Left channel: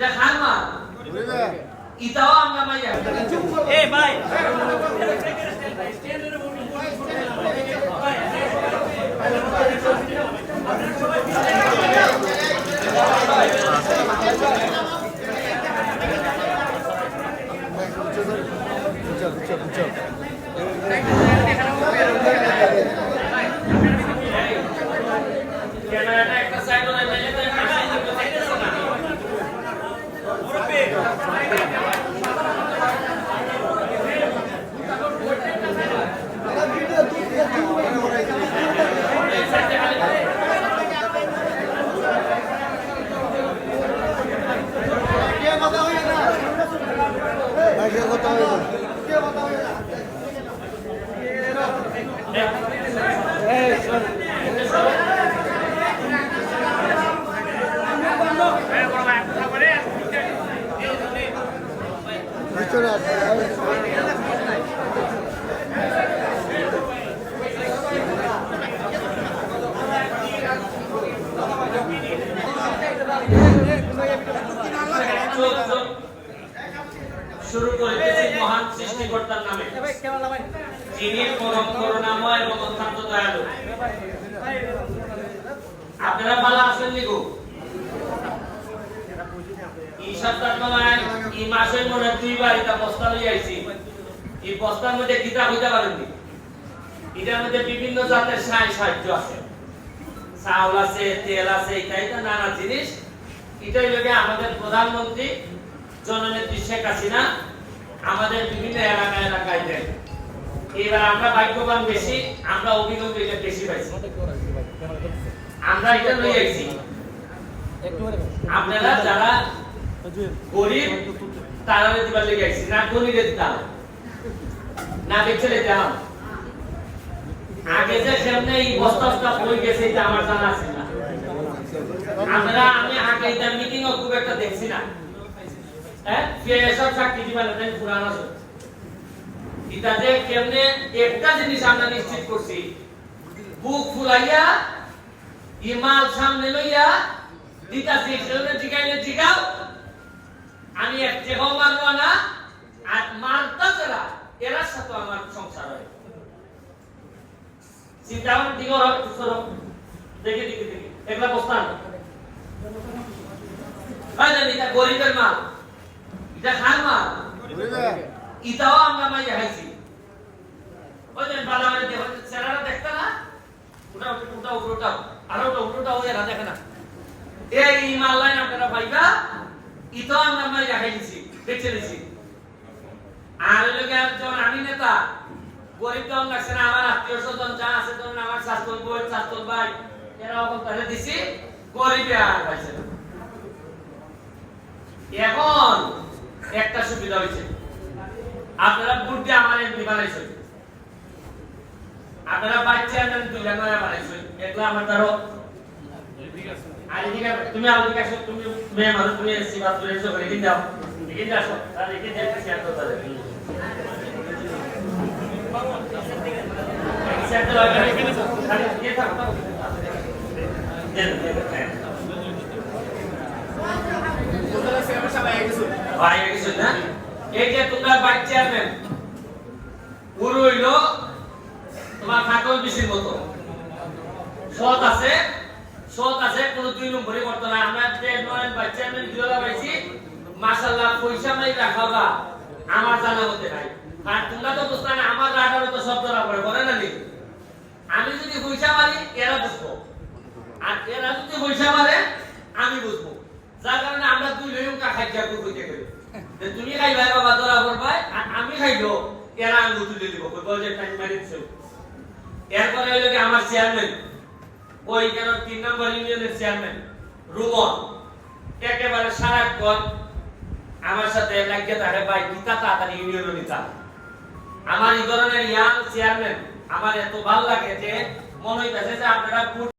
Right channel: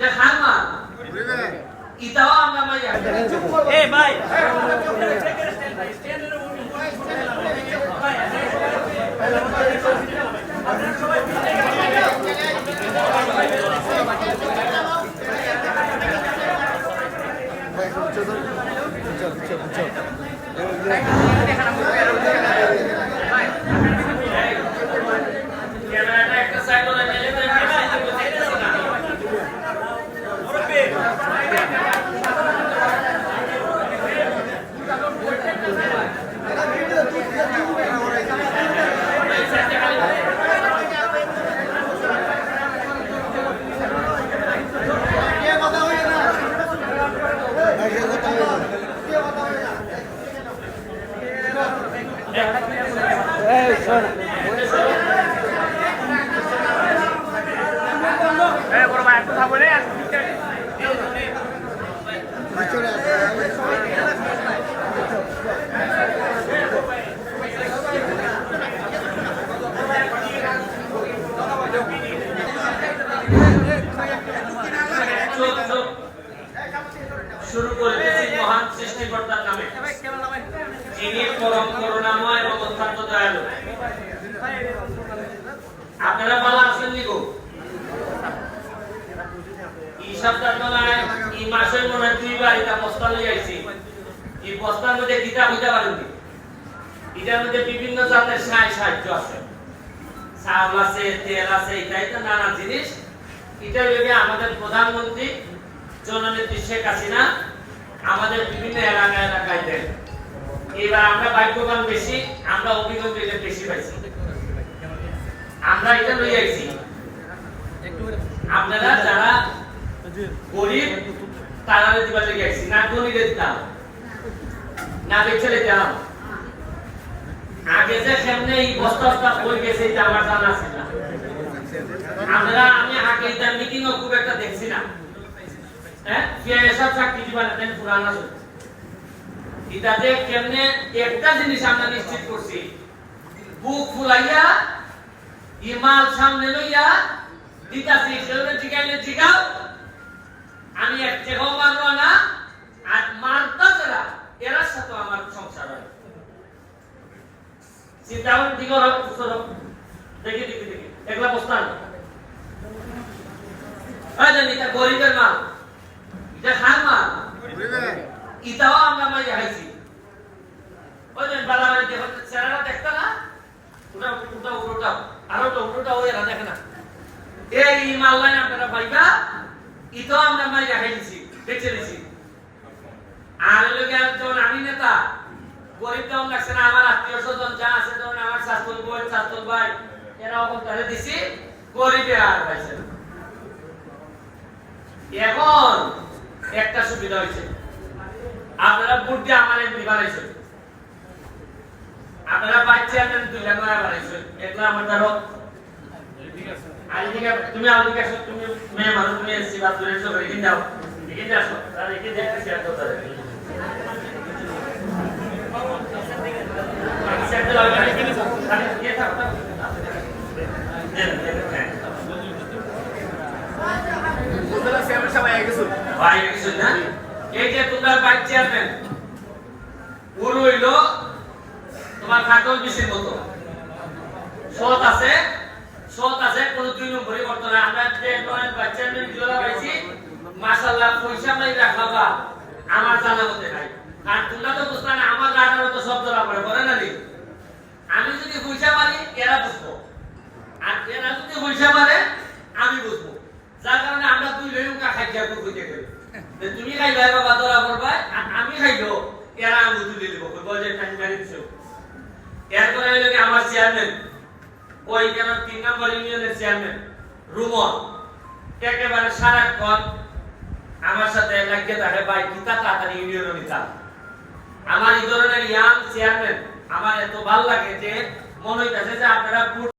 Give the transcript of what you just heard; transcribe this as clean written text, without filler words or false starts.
দেখান মা ইতাও আমরা মাই এ ভাই একটা সাইড শুরু করতেছি মহান সৃষ্টিকর্তার নামে যিনি পরম করুণাময় এবং অত্যন্ত দয়ালু। আপনারা ভালো আছেন নি গো? এই সপ্তাহতলায় এই মাসের মনে দুইবার এটা বস্তা লই আইছি। এই বস্তার মধ্যে কিতাব হইতে পারেননি। এটার মধ্যে বিভিন্ন জাতের সাহায্য আছে, চাউল আছে, তেল আছে, এটা নানা জিনিস। এটাই লোকে আমাদের প্রধানমন্ত্রী জননেত্রী শেখ হাসিনা আমাদের বিভিন্ন এলাকায় দেন। এবার আমরা ভাগ্যবান বেশি, আমরা অভিজ্ঞতা এটা বেশি পাইছি। আমরা এটা লই আইছি। আপনারা যারা গরিব তারা দিবার লেগে আইছি, না ধনীদের দিতাম না বেচে দিতাম। আগে যে সামনে এই বস্তাটা হয়ে গেছে এটা আমার জানা আছে না। আমরা আমি আগে এটা মিটিং ও খুব একটা দেখছি না। হ্যাঁ সব চাকরি দিবার দেন পুরানা সব এটাতে কেমনে একটা জিনিস আমরা নিশ্চিত করছি, বুক ফুলাইয়া ইমাল সামনে লইয়া দিতাছি সেগুলো জিগাও আমি এক জায়গাও মারবো না, আর মারতা যারা এরা সাথে আমার সংসার হয়। চিন্তা করুন দিকে দেখি একলা বস্তান জানি এটা গরিবের মাল, এটা খান মাল, ইতাও আমরা মাই হাইছি। ওই যে বাজারে চেহারা দেখতে না, ওটা আর ওটা ওই এরা দেখে না। এই মাল লাইন আপনারা পাইবা, ইতাও আমরা মাই হাইছি, বেঁচে দিছি। আর লোকে যখন আমি নেতা গরিব তেমন লাগছে না, আমার আত্মীয় স্বজন যা আছে ধরুন আমার শাশুড় বোন শাশুড় ভাই এরাও তাহলে দিছি, গরিবে আর পাইছে। এখন একটা সুবিধা হয়েছে, আপনারা ভোট দিয়ে আমার এমপি বানাইছেন, আপনারা ভাইস চেয়ারম্যান 2 লাখ টাকা বানাইছেন, একলা আমার ধরো আর এদিকে তুমি আলদিকে আসো, তুমি মেয়ে মানুষ, তুমি এসছি বা তুমি এসো এদিকে যাও, এদিকে আসো আর এদিকে দেখতে শেয়ার করতে হবে। এই যে তোমার ভাইস চেয়ারম্যান পুরো হইলো তোমার খাটল বিশির মতো সৎ আছে, কোনো 2 নম্বরই করতে না। আমরা যে ভাইস চেয়ারম্যান জোলা পাইছি মাশাআল্লাহ, পয়সা নাই রাখাবা আমার জানা মতে নাই। আর তোমরা তো বুঝতে না আমার রাখারও তো সব ধরা পড়ে বলে না নি। আমি যদি পয়সা মারি এরা বুঝবো, আর এরা যদি পয়সা মারে আমি বুঝবো। যার কারণে আমরা 2 লইকা খাইয়া কইতে করি যে তুমি খাইবা বাবা ধরা পড়বা, আর আমি খাইলো এরা আমি তুলে দিব কইবো যে টাইম মারিছো। এরপরে হইলো কি আমার চেয়ারম্যান ওই কেন 3 নম্বর ইউনিয়নের চেয়ারম্যান রুমন একেবারে সারাক্ষণ আমার সাথে লাগিয়ে থাকে, ভাই কিতা তাড়াতাড়ি ইউনিয়ন নিতা। আমার এই ধরনের ইয়াং চেয়ারম্যান আমার এত ভালো লাগে যে মনে হইতাছে যে আপনারা